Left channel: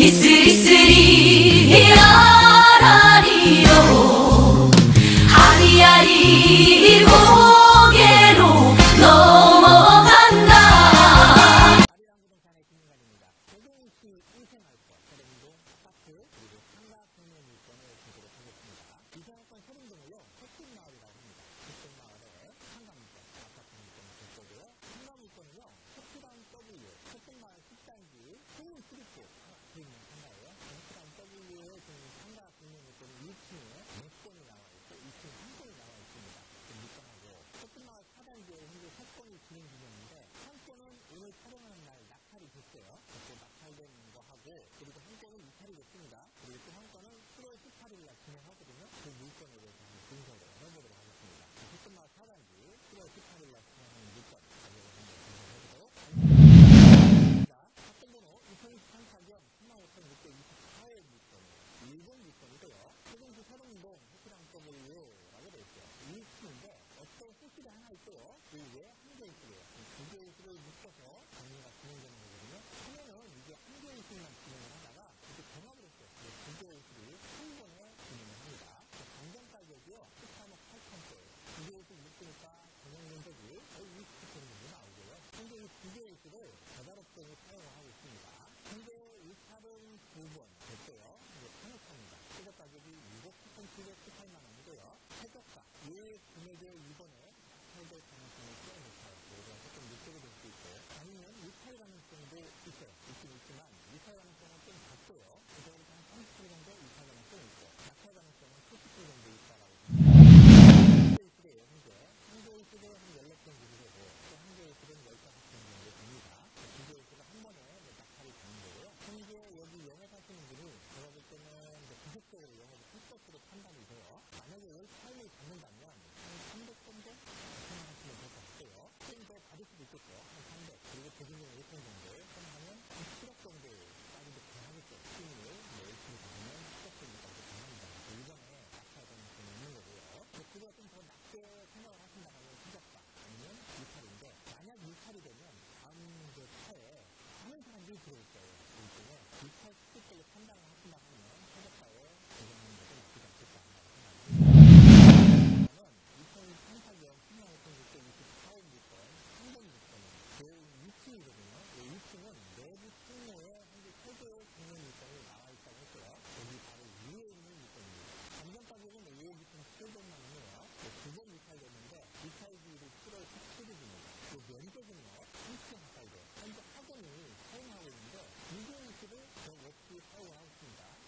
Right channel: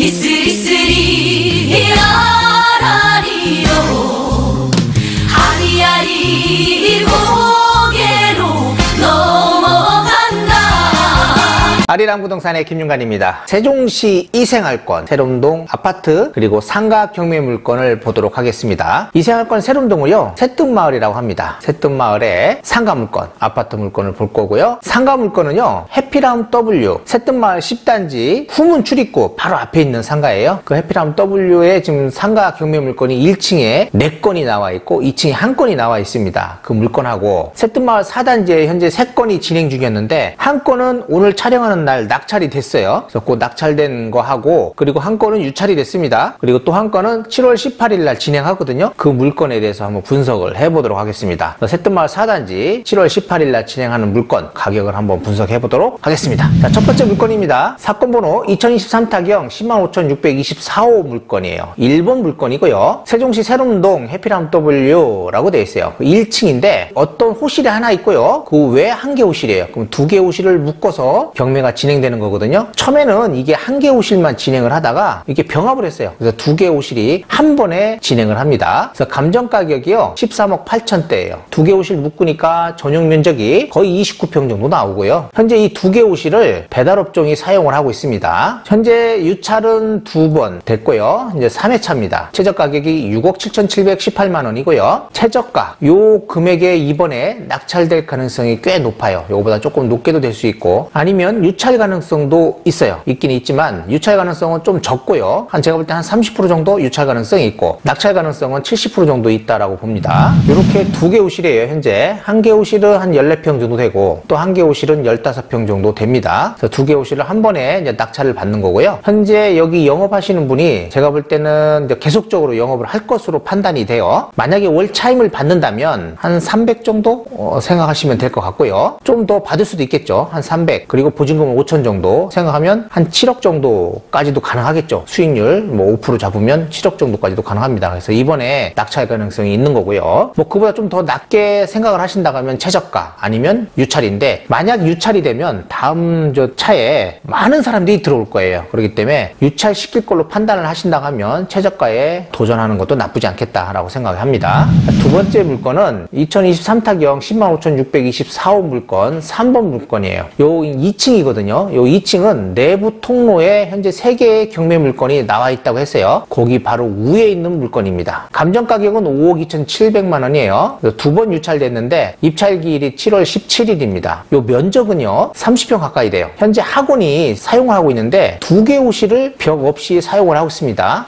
이스리스리 라라리로 아리아리 고개로 넘어간다. 아리랑 부동산의 김윤관입니다. 세종시 이생활권 세롬동 아파트 그리고 상가 경매 물건을 보도록 하겠습니다. 이생활권 세롬동을요 새뜸마을이라고 합니다. 새뜸마을에 상가 물건 아파트 물건을 볼 거고요. 상가 물건은요 해피라움 W 새뜸마을 10단지 후문 출입구 바로 앞에 있는 상가예요. 그 해피라움 W에 지금 상가 경매 물건이 1층에 4건이 나와 있고 2층에 1건이 나와 있습니다. 그 물건하고 새뜸마을 4단지에 현재 3건이 진행 중이었는데 한 건은 오늘 촬영하는 날 낙찰이 됐어요. 그래서 그 낙찰된 거 하고 그리고 한 건은 유찰이 됐습니다. 그리고 또 한 건은 7월 18일 날 진행하거든요. 그 물건에 대해서 한번 분석을 해보도록 하겠습니다. 새뜸마을 4단지 7월 18일 날 진행하는 물건 가격을 한번 분석해 보도록 하겠습니다. 자, 첫 번째 물건입니다. 사건 번호 2023타경 105,624호 물건이에요. 1번 물건이고요. 세종시 세롬동 해피라움 W라고 되어 있어요. 1층인데 어떤 호실이 하나 있고요. 그 외에 한 개 호실이에요. 그럼 2개 호실을 묶어서 경매가 진행되는 거거든요. 처음에는 이게 한 개 호실만 진행을 하다가 이게 병합을 했어요. 그래서 2개 호실이 한 번에 진행을 합니다. 그래서 감정 가격이요 13억 8천대예요. 2개 호실 묶으니까 전용 면적이 거의 29평 정도 나오고요. 현재 이 2개 호실을 배달업종이 사용을 하고 있습니다. 현재 유찰은 2번 됐고요. 이제 3회차입니다. 최저 가격이 6억 7,718만 원이고요. 최저가 요 금액에 이번에 낙찰될 가능성이 꽤 높아요. 요거보다 조금 높게도 될 수 있고 아니면 유찰 가능성도 있어요. 있긴 있지만 유찰 가능성은 좀 적고요. 제가 볼 때 한 30% 정도 유찰 가능성이 있고 낙찰 가능성은 70% 정도 있다라고 봅니다. 이렇게 2개 호실이에요. 현재 한 개 호실은 한 14평 정도 되고 또 한 개 호실은 15평 정도 됩니다. 그래서 2개 호실을 한 번에 이제 낙찰을 받는 거고요. 현재 여기 영업하시는 분이 제가 볼 때는 이제 계속적으로 영업을 할 것으로 판단이 돼요. 만약에 월 차임을 받는다면 한 300 정도 생각하시면 될 것 같고요. 좀 더 받을 수도 있겠죠. 한 300 그리고 보증금은 5천 정도 생각하면 한 7억 정도까지도 가능하겠죠. 수익률 뭐 5% 잡으면 7억 정도까지도 가능합니다. 그래서 이번에 낙찰 가능성이 있는 거고요. 뭐 그보다 좀 더 낮게 생각을 하신다고 하면 최저가 아니면 유찰인데 만약 유찰이 되면 다음 저 차에 많은 사람들이 들어올 거예요. 그렇기 때문에 유찰 시킬 걸로 판단을 하신다고 하면 최저가에 도전하는 것도 나쁘지 않겠다라고 생각을 합니다. 두 번째 물건은 2023타경 105,624호 물건 3번 물건이에요. 요 2층이거든요. 요 2층은 내부 통로에 현재 3개의 경매 물건이 나와 있다고 했어요. 거기 바로 위에 있는 물건입니다. 감정 가격은 5억 2,700만 원이에요. 2번 유찰됐는데 입찰 기일이 7월 17일입니다. 요 면적은요 30평 가까이 돼요. 현재 학원이 사용을 하고 있는데 2개 호실을 벽 없이 사용을 하고 있습니다.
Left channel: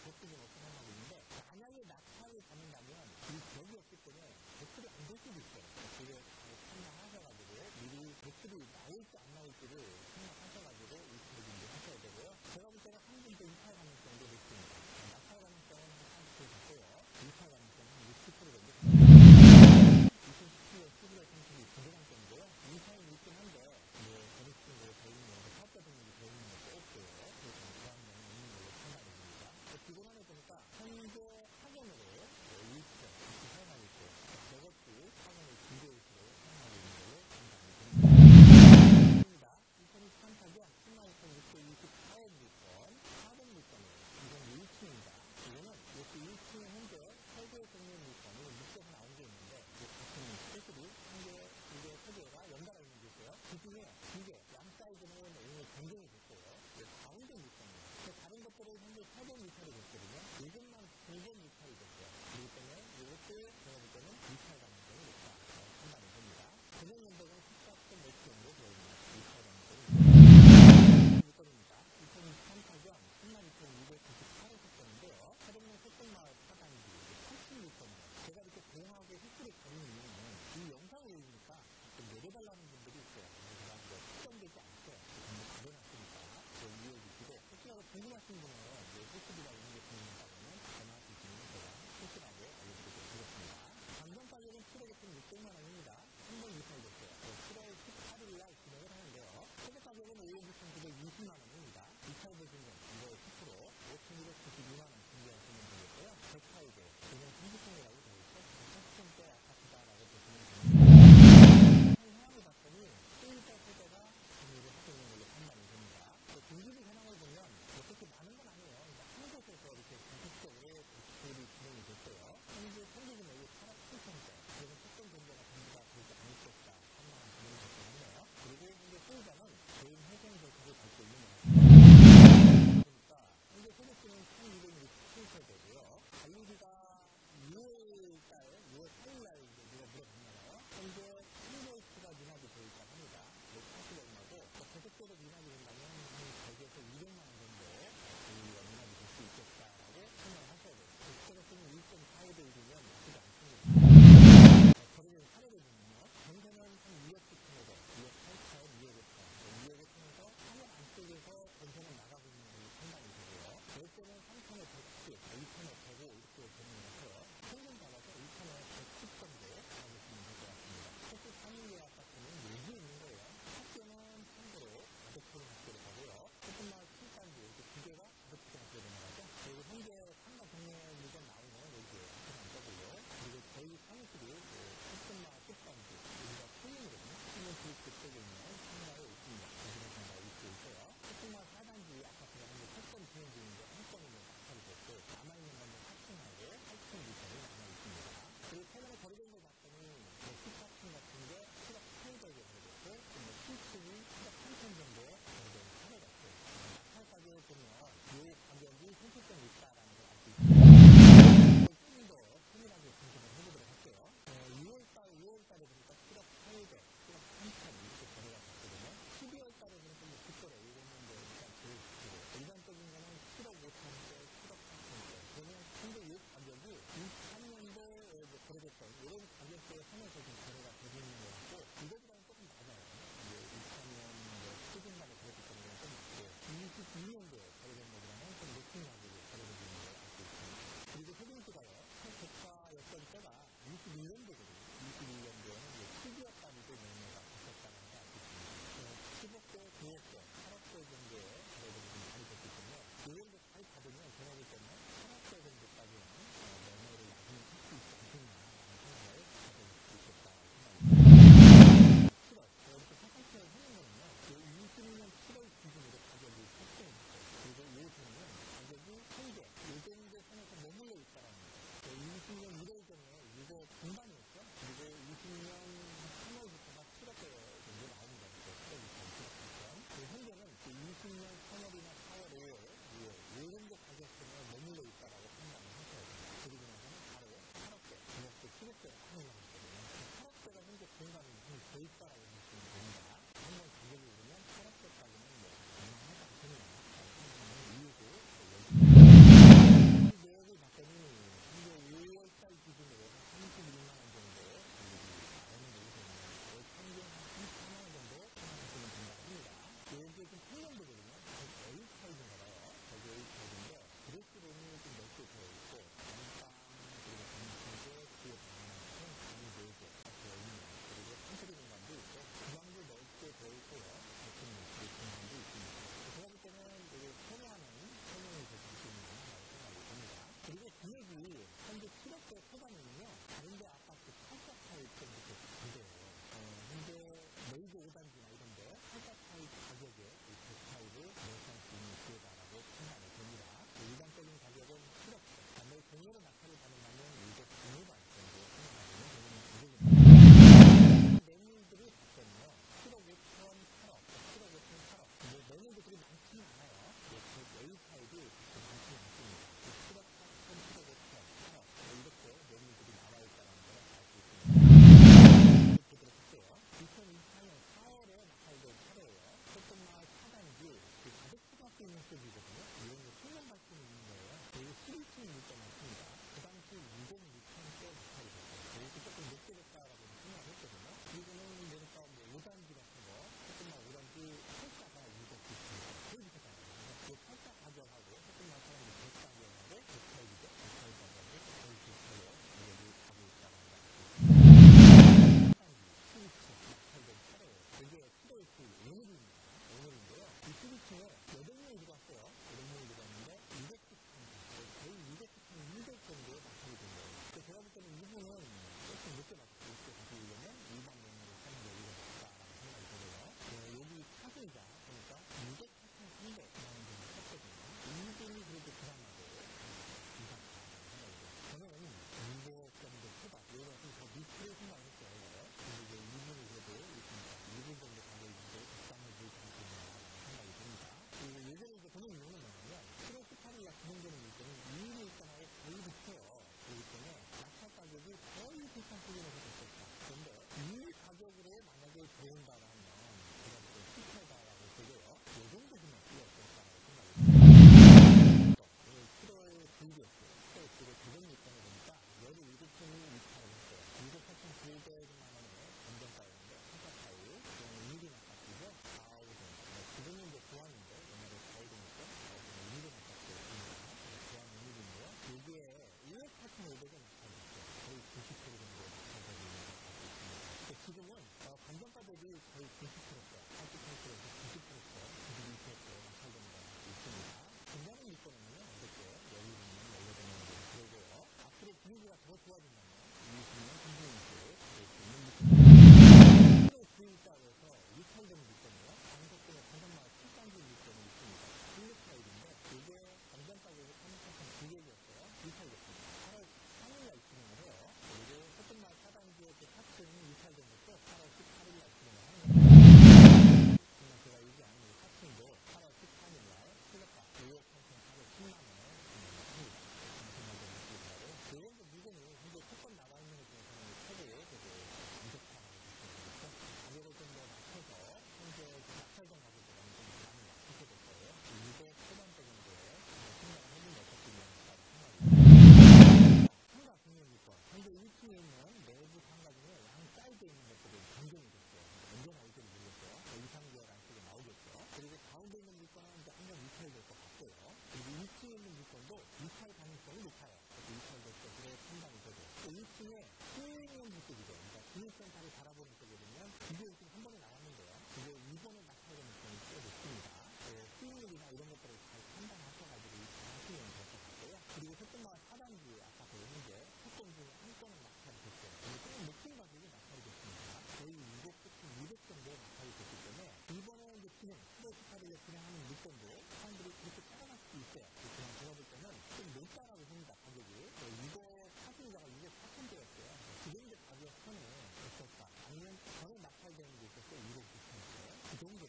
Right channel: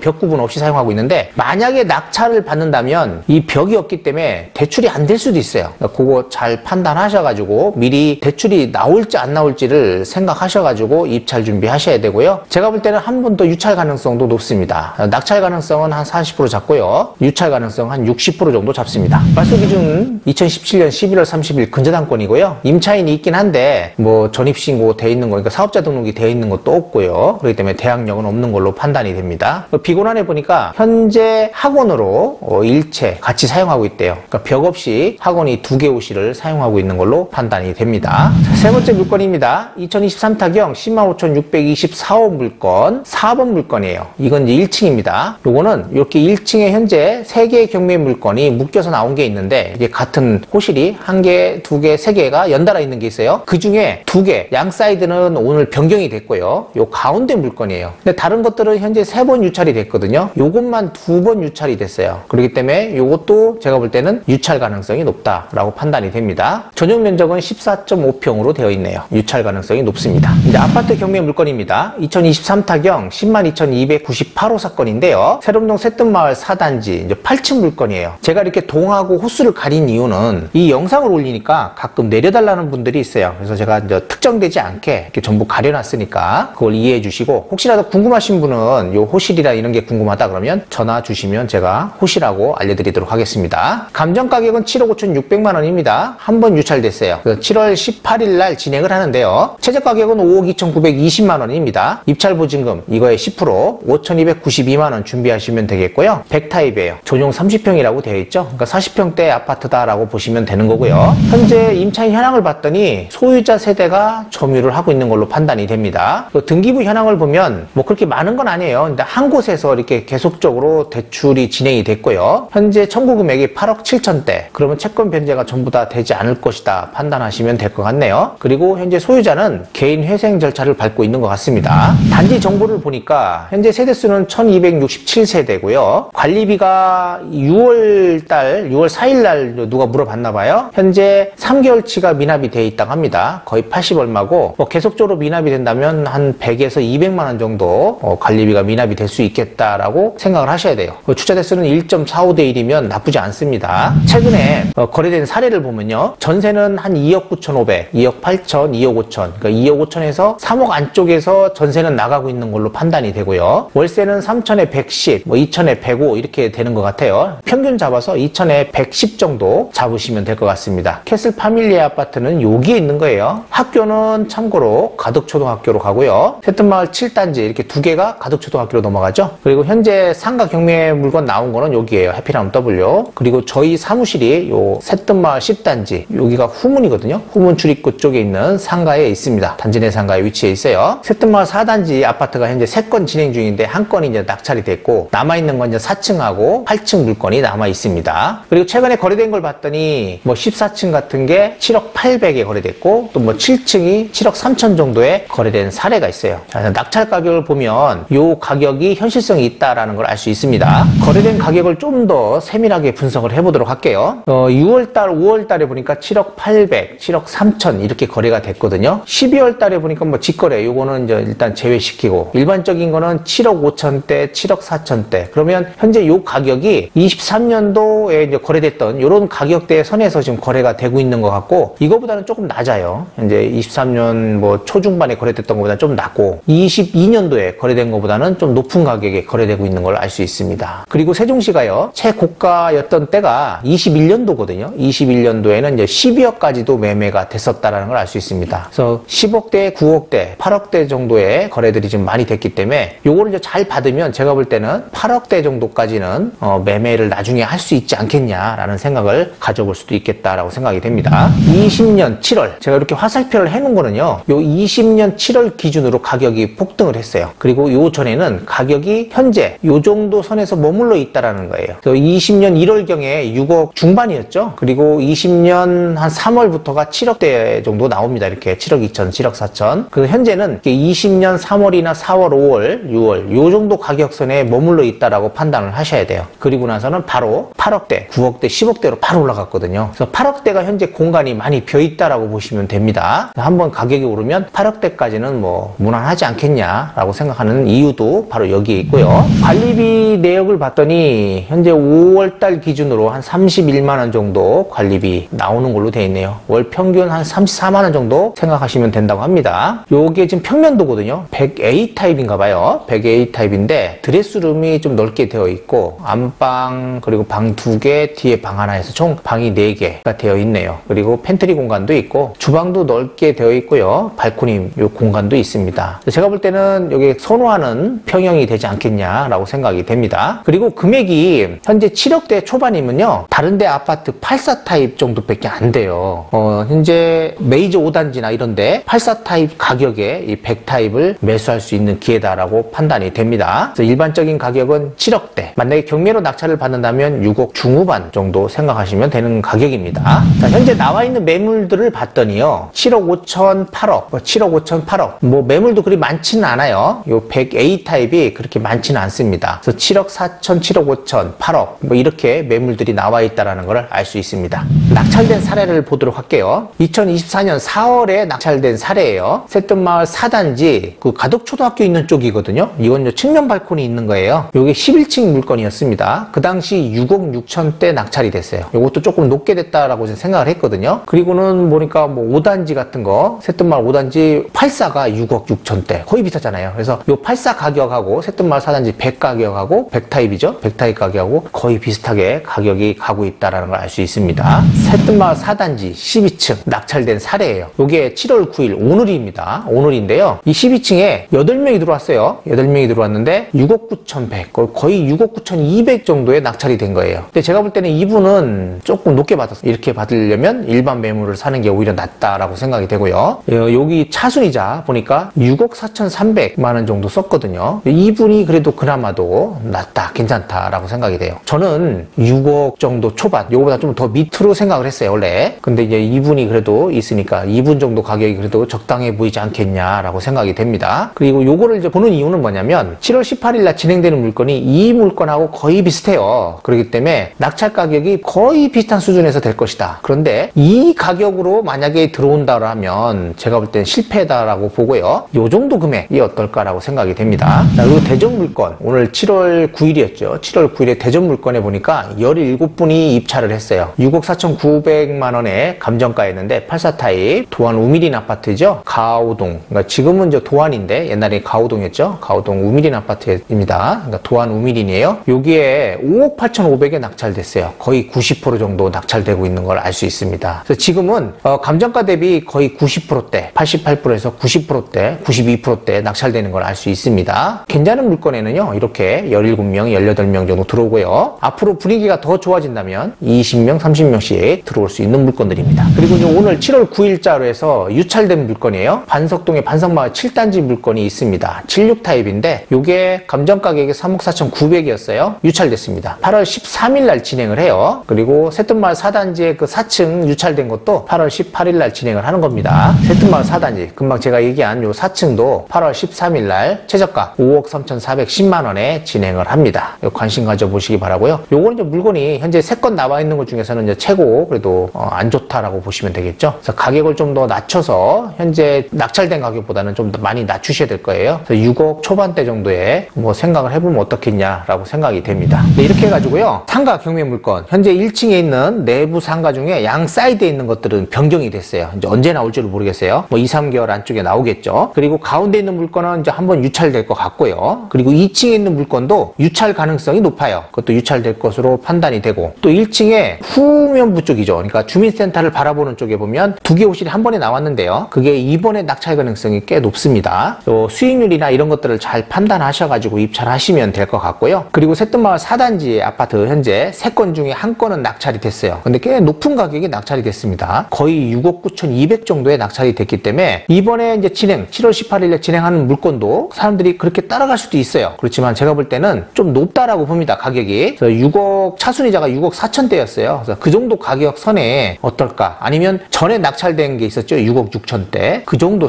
벽 구분 없이 사용하고 있는데 만약에 낙찰을 받는다면 이 벽이 없기 때문에 대출이 안 될 수도 있어요. 그거 잘 판단하셔가지고 미리 대출이 나올지 안 나올지를 생각하셔가지고 입찰 준비하셔야 되고요. 제가 볼 때는 한 번 더 유찰 가능성도 높습니다. 낙찰 가능성은 한 40% 잡고요. 유찰 가능성 한 60% 정도 잡습니다. 발수 기준 2017년 11월 30일 근저당권이고요. 임차인이 있긴 한데 뭐 전입신고 돼 있는 거니까 사업자 등록이 돼 있는 것도 없고요. 그렇기 때문에 대항력은 없는 걸로 판단이 됩니다. 비곤안에 보니까 현재 학원으로 일체 같이 사용하고 있대요. 그러니까 벽 없이 학원이 2개 호실을 사용하고 있는 걸로 판단이 됩니다. 세 번째 물건입니다. 2023타경 105,624호 물건 4번 물건이에요. 이건 이제 1층입니다. 요거는 이렇게 1층에 현재 3개의 경매 물건이 묶여서 나온 게 있는데 이게 같은 호실이 1개, 2개, 3개가 연달아 있는 게 있어요. 그 중에 2개, 양 사이드는 오늘 변경이 됐고요. 요 가운데 물건이에요. 근데 다른 것들은 현재 3번 유찰이 됐거든요. 요것만 2번 유찰이 됐어요. 그렇기 때문에 요것도 제가 볼 때는 유찰 가능성이 높다라고 판단이 됩니다. 전용 면적은 14.5평으로 되어 있네요. 유찰 가능성이 높습니다. 이제 아파트 경매 물건입니다. 2023타경 102,298호 사건인데요. 세롬동 새뜸마을 4단지 이제 8층 물건이에요. 제가 이렇게 동하고 호수를 가린 이유는 이 영상을 올리니까 가끔 내려달라는 분들이 있어요. 그래서 제가 이제 특정되지 않게 이렇게 전부 가려놨으니까 그걸 이해해 주시고 혹시라도 궁금하신 분은 요 호실이나 이런 게 궁금하다 그러면 전화 주시면 제가 호실하고 알려드리도록 하겠습니다. 감정 가격은 7억 5,600만 원입니다. 한 번 유찰됐어요. 7월 18일 날 진행을 하는데요. 있고요. 최저 가격은 5억 2,920만 원입니다. 입찰 보증금 이거의 10% 5,292만 원 준비하시면 되겠고요. 100타입이에요. 전용 30평이라고 되어 있죠. 그러니까 40평대 아파트다라고 보시면 되는 거고요. 현재 임차인 현황을 봤더니 소유자 세대가 점유를 하고 있는 걸로 판단이 됩니다. 등기부 현황을 보면 뭐 그렇게 많은 건 아니에요. 근데 한 곳에서 이렇게 계속적으로 대출이 진행이 됐고요. 현재 청구 금액이 8억 7천대. 그러면 채권 변제가 전부 다 되지 않을 것이다 판단하시면 될 것 같네요. 그리고 현재 소유자는 개인 회생 절차를 밟고 있는 것 같습니다. 단지 정보를 보니까 현재 세대수는 1267세대고요. 관리비가 6월 4일 날 누가 물어봤나 봐요. 현재 3개월치가 미납이 돼 있다고 합니다. 거의 80 얼마고 뭐 계속적으로 미납이 된다면 한 100에서 200만 원 정도 관리비가 미납이 될 수 있겠다라고 생각을 하셔야 돼요. 주차 대수는 1.45대 1이면 나쁘지 않습니다. 최근에 거래된 사례를 보면요. 전세는 한 2억 9,500, 2억 8천, 2억 5천. 그러니까 2억 5천에서 3억 안쪽에서 전세는 나가고 있는 걸로 판단이 되고요. 월세는 3천에 110, 뭐 2천에 105 이렇게 되는 것 같아요. 평균 잡아서 2천에 110 정도 잡으시면 될 것 같습니다. 캐슬 파밀리아 아파트는 여기에 있는 거예요. 학교는 참고로 가덕초등학교로 가고요. 새뜸마을 7단지 이렇게 두 개가 가덕초등학교로 넘어가죠. 그리고 현재 상가 경매 물건 나온 거는 여기에요. 해피라운 W. 그리고 저희 사무실이 요 새뜸마을 10단지 여기가 후문이거든요. 후문 출입구 쪽에 있는 상가에 있습니다. 단지 내 상가에 위치해 있어요. 새뜸마을 4단지 아파트가 현재 3건 진행 중인데 한 건이 이제 낙찰이 됐고 남아있는 건 이제 4층하고 8층 물건이 남아 있습니다. 그리고 최근에 거래된 걸 봤더니 뭐 14층 같은 게 7억 800에 거래됐고 또 뭐 7층이 7억 3천 정도에 거래된 사례가 있어요. 낙찰 가격을 보면 요 가격이 현실성이 있다라는 걸 알 수 있습니다. 거래된 가격을 좀 더 세밀하게 분석을 해보도록 할게요. 6월달, 5월달에 보니까 7억 800, 7억 3천 이렇게 거래가 됐거든요. 12월달에 보니까 뭐 직거래 요거는 이제 일단 제외시키고 일반적인 거는 7억 5천대, 7억 4천대. 그러면 현재 요 가격이 23년도에 이제 거래됐던 이런 가격대 선에서 지금 거래가 되고 있는 것 같고 이거보다는 조금 낮아요. 현재 23년 뭐 초중반에 거래됐던 것보다 좀 낮고 22년도에 거래된 것보다는 좀 높은 가격에 거래되고 있는 걸 알 수 있습니다. 그리고 세종시가요 최고가였던 때가 21년도거든요. 21년도에는 이제 12억까지도 매매가 됐었다라는 걸 알 수 있습니다. 그래서 10억대, 9억대, 8억대 정도의 거래들이 지금 많이 됐기 때문에 요거를 이제 잘 받으면 제가 볼 때는 8억대 정도까지는 매매를 나중에 할 수 있지 않겠냐라는 생각을 가져볼 수도 있겠다라고 생각이 됩니다. 20년 7월 제가 이렇게 화살표를 해놓은 거는요. 요 20년 7월 기준으로 가격이 폭등을 했어요. 그리고 요 전에는 가격이 현재 요 정도 선에서 머물러 있다라는 거예요. 그래서 20년 1월경에 6억 중반이었죠. 그리고 20년 한 3월부터가 7억대 정도 나옵니다. 이렇게 7억 2천, 7억 4천. 그래서 현재는 20년 3월이나 4월, 5월, 6월 요 정도 가격선에 머물러 있다라고 판단을 하셔야 돼요. 그리고 나서는 바로 8억대, 9억대, 10억대로 바로 올라갔거든요. 그래서 8억대가 현재 공간이 많이 비어있다라고 보시면 됩니다. 한번 가격이 오르면 8억대까지는 뭐 무난하지 않겠냐라고 생각하는 이유도 바로 여기에 있고요. 관리비 내역을 봤더니 현재 5월달 기준으로 한 31만 원 정도 관리비 나오는 걸로 되어 있네요. 월 평균 한 34만 원 정도 생각하시면 된다고 합니다. 요게 지금 평면도거든요. 100A 타입인가 봐요. 100A 타입인데 드레스룸이 좀 넓게 되어 있고 안방 그리고 방 2개 뒤에 방 하나 해서 총 방이 4개가 되어 있네요. 그리고 팬트리 공간도 있고 주방도 넓게 되어 있고요. 발코니 요 공간도 있습니다. 제가 볼 때는 여기 선호하는 평형이 되지 않겠냐라고 생각이 됩니다. 그리고 금액이 현재 7억대 초반이면요. 다른데 아파트 84 타입 정도밖에 안 돼요. 현재 메이저 5단지나 이런데 84 타입 가격에 이 100 타입을 매수할 수 있는 기회다라고 판단이 됩니다. 그래서 일반적인 가격은 7억대. 만약에 경매로 낙찰을 받는다면 6억 중후반 정도 생각하시면 되는 가격입니다. 자, 현재 나와 있는 매물들을 봤더니요. 7억 5천, 8억, 7억 5천, 8억. 뭐 매물도 그리 많지는 않아요. 요 100A 타입이 그렇게 많지는 않습니다. 그래서 7억 4천, 7억 5천, 8억 뭐 이렇게 매물들이 나와 있다는 걸 알 수 있습니다. 낙찰된 사례를 보도록 할게요. 2024년 4월에 낙찰된 사례예요. 새뜸마을 4단지 그 가덕초등학교 있는 쪽이거든요. 이건 이제 측면 발코니 있는 거예요. 요게 11층 물건이었습니다. 그 당시 6억 6천대 낙찰이 됐어요. 요것도 조금 높게 됐다라고 생각을 했거든요. 그리고는 보니까 뭐 5단지 같은 거 새뜸마을 5단지 84가 6억 6천대 거의 비슷하잖아요. 그래서 요 84 가격하고 새뜸마을 4단지 100 가격하고 100타입이죠. 100타입 가격하고 거의 비슷하게 가격이 가고 있다는 걸 알 수 있습니다. 새뜸마을 4단지 12층 낙찰된 사례예요. 이게 7월 9일 오늘입니다. 오늘인데요. 이 12층에 8명이 들어왔어요. 8명이 들어왔는데 6억 9,100, 거의 6억 9,200 정도에 낙찰이 된 거예요. 근데 제가 볼 때는 이분은 조금 높게 받았어요. 이렇게 받으려면 일반 매물을 사는 게 오히려 낫다라고 생각이 되고요. 여기 차순이자 보니까 6억 4,300만 원 정도 썼거든요. 이분이 그래도 그나마도 낫다, 괜찮다라고 생각이 돼요. 저는 6억 정도 초반, 요거보다 좀 더 밑으로 생각을 했어요, 원래. 근데 이제 이분이 그래도 있으니까 이분 정도 가격이 그래도 적당해 보이지 않겠냐라고 생각이 됩니다. 그리고 요거를 이제 보는 이유는 뭐냐면 7월 18일 날 진행되는 물건이 이 물건하고 거의 비슷해요. 그렇기 때문에 낙찰 가격이 거의 비슷한 수준에서 될 것이다. 그런데 이 가격으로 만약에 들어온다라면 제가 볼 때는 실패다라고 보고요. 요 정도 금액이 어떨까라고 생각이 됩니다. 자, 그리고 대전 물건 오늘 7월 9일이었죠. 7월 9일에 대전 물건에 보니까 17분이 입찰을 했어요. 6억 4,900만 원의 감정가였는데 84타입 도안 우미린 아파트죠. 가오동. 그러니까 지금은 이제 도안인데 옛날에 가오동이었죠. 가오동 우미린 아파트입니다. 그러니까 도안 우미린이에요. 여기에 5억 8,500에 낙찰됐어요. 거의 90% 정도 낙찰되고 있는 걸 알 수 있습니다. 그래서 지금은 감정가 대비 거의 90%대, 88%에서 90%대, 92%대 낙찰되는 걸 알 수 있습니다. 괜찮은 물건에는요. 이렇게 17명, 18명 정도 들어오고요. 앞으로 분위기가 더 좋아진다면 20명, 30명씩 들어올 수 있는 물건들입니다. 그리고 이제 오늘 7월 9일자로 해서 유찰된 물건이에요. 반석동의 반석마을 7단지 물건이 있습니다. 76타입인데 이게 감정 가격이 3억 4,900이었어요. 유찰됐습니다. 8월 13일 날 진행을 해요. 그리고 새뜸마을 4단지의 그 4층 유찰된 것도 8월 18일 날 진행을 하는 겁니다. 새뜸마을 4단지 금방 제가 얘기한 요 4층도 8월 13일 날 최저가 5억 3,410만 원에 진행을 합니다. 관심 가져보시기 바라고요. 요거는 이제 물건이 현재 3건 나와 있는 것 중에서는 이제 최고 그래도 안 좋다라고 보시면 되겠죠. 그래서 가격을 좀 더 낮춰서 현재 낙찰된 가격보다는 좀 더 많이 낮추셔야 될 거예요. 그래서 6억 초반대 정도에 뭐 생각을 해보면 어떻겠냐라고 생각이 됩니다. 네, 이렇게 해가지고요. 상가 경매 물건 현재 1층에 있는 내부 상가 중에 양 사이드에 있는 것들은 변경이 됐어요. 이제 언제 나올지를 모르겠어요. 뭐 2, 3개월 안쪽에 나오겠죠. 그리고 가운데 있는 물건은 이제 한번 유찰될 것 같고요. 그리고 2층에 있는 물건도 유찰 가능성이 높아요. 그것도 유찰될 것으로 판단이 되고 또 1층에 후면부 쪽이죠. 그러니까 주민센터를 바라보는 쪽에 보면 2개 호실이 한 번에 나왔는데요. 그게 이번에 낙찰 가능성이 꽤 높습니다. 또 수익률이나 이런 것들을 잘 판단하셔가지고 입찰하시면 될 것 같고요. 그리고 새뜸마을 4단지 아파트 현재 3건 중에 1건은 낙찰이 됐어요. 근데 꽤 높은 가격에 낙찰이 됐습니다. 거의 6억 9,200 정도에 낙찰이 됐기 때문에 이번에 이제 7월 18일에 진행하는 물건도 사람들이 그렇게 따라갈 수도 있어요. 그렇지만 제가 볼 때는 좀 높다라고 봅니다. 가격이. 그래서 6억 차순이자가 6억 4천대였어요. 그래서 그 정도 가격 선에 어떨까? 아니면 전에 낙찰된 게 있었죠. 6억 6천대. 그 정도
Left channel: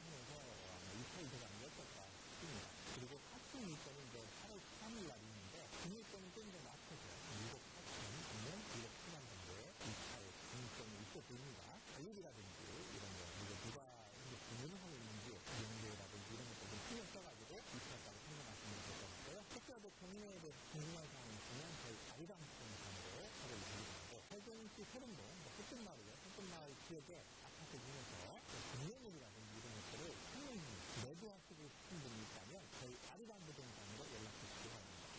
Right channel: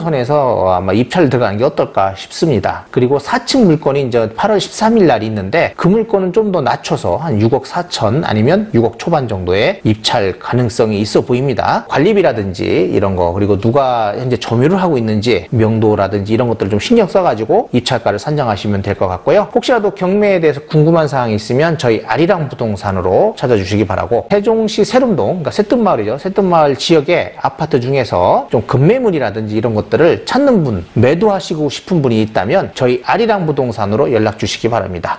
선에서 아마 입찰 들어가는 게 어떨까 싶습니다. 그리고 4층 물건이 이제 8월 13일 날 있는데 그 물건은 좀 더 낮춰서 한 6억 4천 아니면 6억 초반 정도의 입찰 가능성이 있어 보입니다. 관리비라든지 이런 거 그리고 누가 현재 점유를 하고 있는지 명도라든지 이런 것들을 좀 신경 써가지고 입찰가를 산정하시면 될 것 같고요. 혹시라도 경매에 대해서 궁금한 사항이 있으면 저희 아리랑 부동산으로 찾아주시기 바라고 세종시 세름동 그러니까 새뜸마을이죠. 새뜸마을 지역의 아파트 중에서 좀 급매물이라든지 이런 것들을 찾는 분 매도하시고 싶은 분이 있다면 저희 아리랑 부동산으로 연락 주시기 바랍니다.